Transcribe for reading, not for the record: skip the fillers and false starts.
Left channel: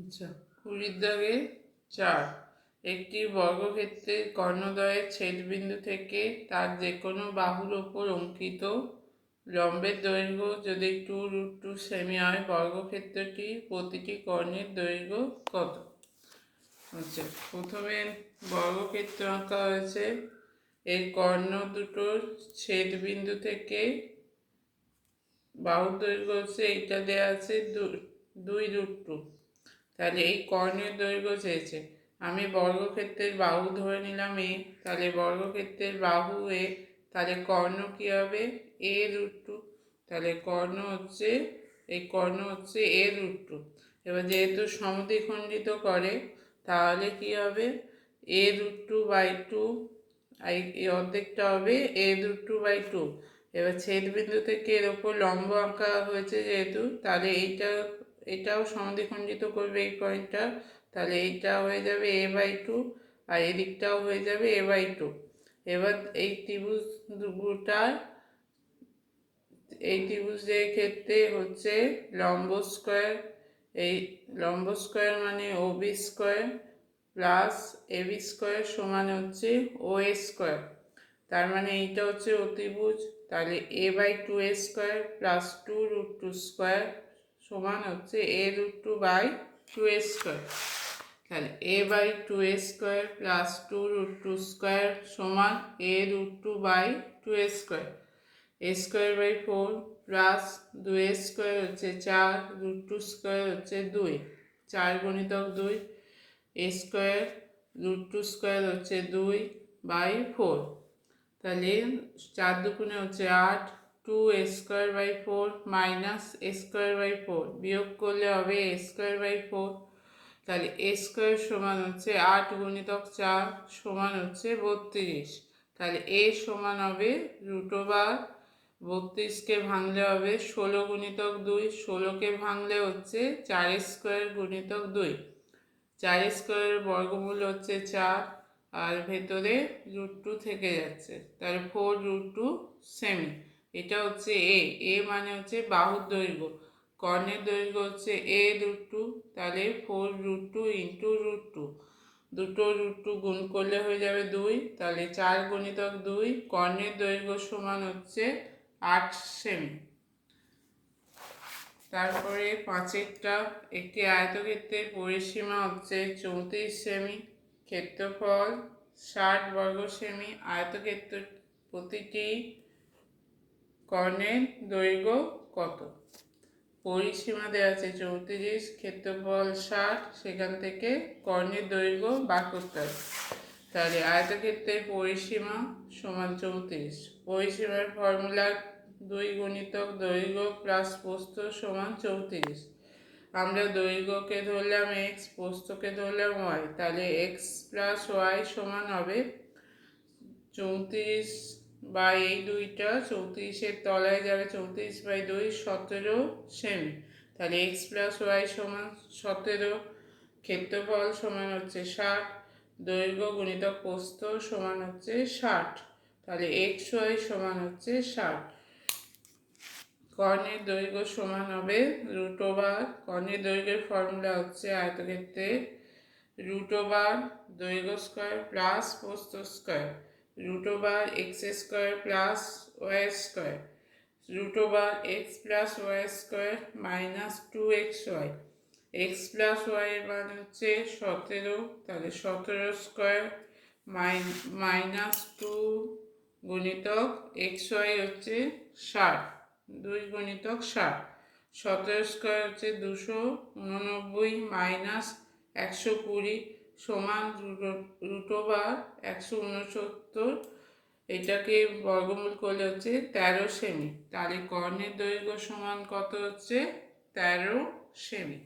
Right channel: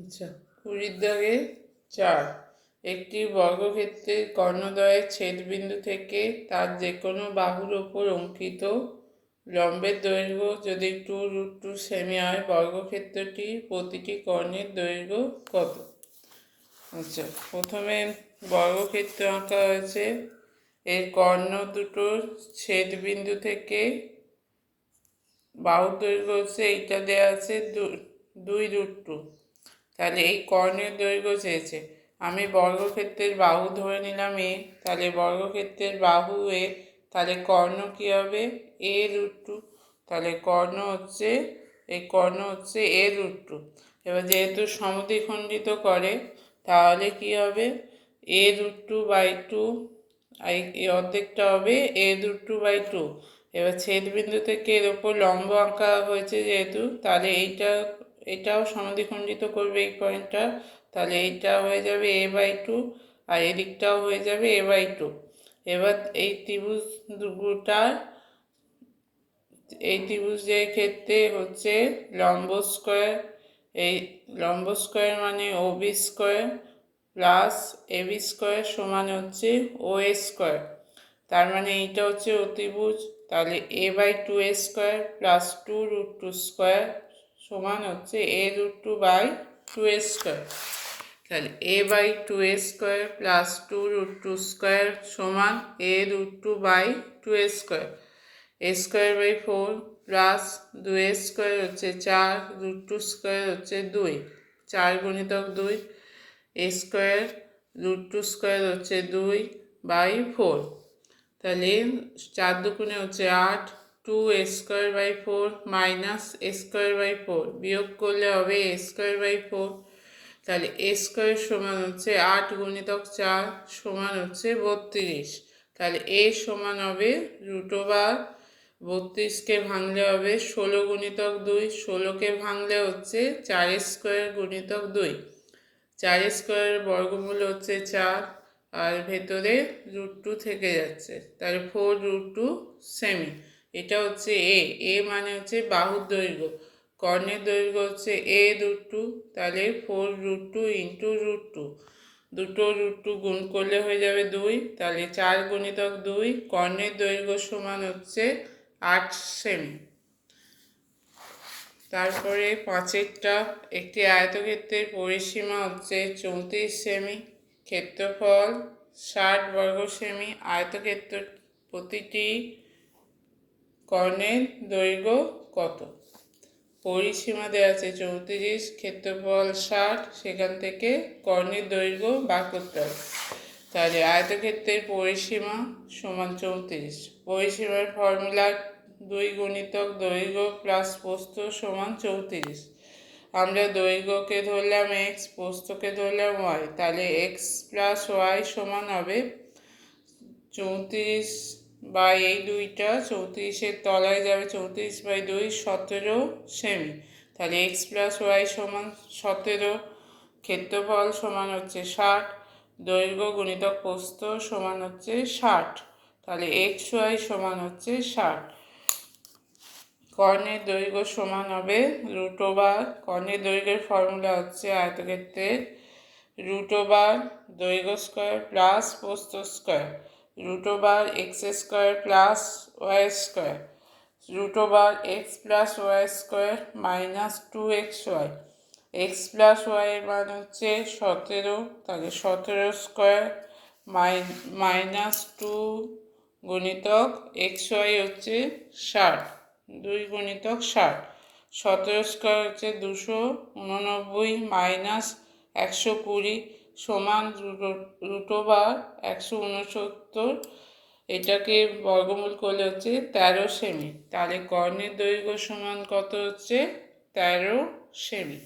আচ্ছা, 20 দাগে 4 একটি বর্গক্ষেত্রের কর্ণদ্বয়ের ছেদবিন্দু থেকে তার যে কোনো বাহুর ওপর অঙ্কিত লম্বের দৈর্ঘ্য যদি 2√2 সেমি হয়, বর্গক্ষেত্রটি প্রতিটি কর্ণের দৈর্ঘ্য কত? আচ্ছা, প্রথমে বর্গক্ষেত্র আঁকা হয়েছে। এর কর্ণ দুটোর ছেদবিন্দু থেকে বাহুর দৈর্ঘ্য হচ্ছে, এইটা দেওয়া আছে 2√2। তাহলে এই কর্ণের দৈর্ঘ্য চেয়েছে। আমি বর্গক্ষেত্রের বাহু ধরে নিলাম এ, তাহলে বর্গক্ষেত্রের বাহু এ, তাহলে কর্ণ কী হবে? a√2। তাহলে কর্ণ হচ্ছে, এই কর্ণ হচ্ছে a√2। এবার যেহেতু সমদ্বিখণ্ডিত করে, তাহলে কি হবে? a√2/2, এই অর্ধেকটা হবে a√2/2। এবার ছেদবিন্দু থেকে এর ওপর লম্ব আঁকা হয়েছে যেহেতু, তাহলে এটাও সমদ্বিখণ্ডিত করবে এই পয়েন্টটা, তাহলে এইটা হয়ে যাবে a/2 আর এদিকটাও হয়ে যাবে a/2। এবার এই ত্রিভুজের ক্ষেত্রে হচ্ছে লম্ব স্কোয়ার, এই লম্ব স্কোয়ার মানে OB square plus AB square সমান হচ্ছে OA স্কোয়ার। তার মানে এইটা হচ্ছে অতিভুজ, তাহলে a/2 স্কোয়ার প্লাস 2√2 স্কোয়ার সমান হচ্ছে a√2/2 স্কোয়ার। তাহলে a/2 স্কোয়ার প্লাস 2√2 স্কোয়ার সমান a√2/2 square. a²/4 plus 2 square হচ্ছে 4, √2 স্কোয়ার হচ্ছে 2, 4 গুণিতক 2, a স্কোয়ার √2 স্কোয়ার হচ্ছে 2/4। তাহলে 4 দুগুণে হচ্ছে 8, 2a²/4 মাইনাস a²/4 বিয়োগ করলে হবে a²/4। তাহলে a² সমান হচ্ছে 8 গুণিতক 4 সমান হচ্ছে 32। তাহলে a সমান হবে √32কে ভাঙলে হবে 16 গুণিতক 2, 16কে ভাঙলে হচ্ছে 4² গুণিতক 2, 4² বর্গমূল হচ্ছে 4 আর ভেতরে √2 থেকে যাচ্ছে, তাহলে 4√2 সেমি। এটা হচ্ছে এ মানে হচ্ছে বাহুর দৈর্ঘ্য, কর্ণের দৈর্ঘ্য হচ্ছে a√2, তাহলে 4√2 ইন্টু √2, দুটো √2 গুণ করলে হয়ে যাবে 2, তাহলে 4 গুণিতক 2, কর্ণের দৈর্ঘ্য সমান হচ্ছে 8 সেমি। তারপরে 5এরটা, একটি আয়তক্ষেত্রের পরিসীমা হচ্ছে 34 সেমি, ক্ষেত্রফল 60 বর্গ সেমি, আয়তক্ষেত্র প্রতিটি কর্ণের দৈর্ঘ্য কত? পরিসীমা দেওয়া আছে 34, ক্ষেত্রফল 60, সেখান থেকে কর্ণের দৈর্ঘ্য বার করতে হবে। তাহলে আয়তক্ষেত্রের পরিসীমা সমান 34, পরিসীমার ফর্মুলা 2 গুণিতক দৈর্ঘ্য প্লাস প্রস্থ সমান 34। আমরা দৈর্ঘ্যকে ধরলাম x, প্রস্থকে ধরলাম y, তাহলে x প্লাস y সমান হবে 34 বা এই দুইটা 34-এর তলায় যাবে, 34/2 17 সেমি। তাহলে x প্লাস ওয়াই সমান 17, ক্ষেত্রফল সমান হচ্ছে 60, দৈর্ঘ্য গুণিতক প্রস্থ সমান হচ্ছে 60, তাহলে xy সমান হচ্ছে 60। কর্ণের দৈর্ঘ্য সমান হবে √, কর্ণের দৈর্ঘ্যের ফর্মুলা হচ্ছে আয়তক্ষেত্রের √, দৈর্ঘ্য স্কোয়ার প্লাস প্রস্থ square, √x² plus y square, √x plus y square minus 2xy, x plus y এর মান হচ্ছে 17, তাহলে 17 স্কোয়ার মাইনাস 2 গুণিতক xy হচ্ছে 60, 2 গুণিতক 60, 17 স্কোয়ার হচ্ছে 289 মাইনাস 120 সমান √169, এটাকে বর্গমূল করলে হচ্ছে 13 সেমি। তাহলে কর্ণের দৈর্ঘ্য সমান কত হচ্ছে? 13 সেমি।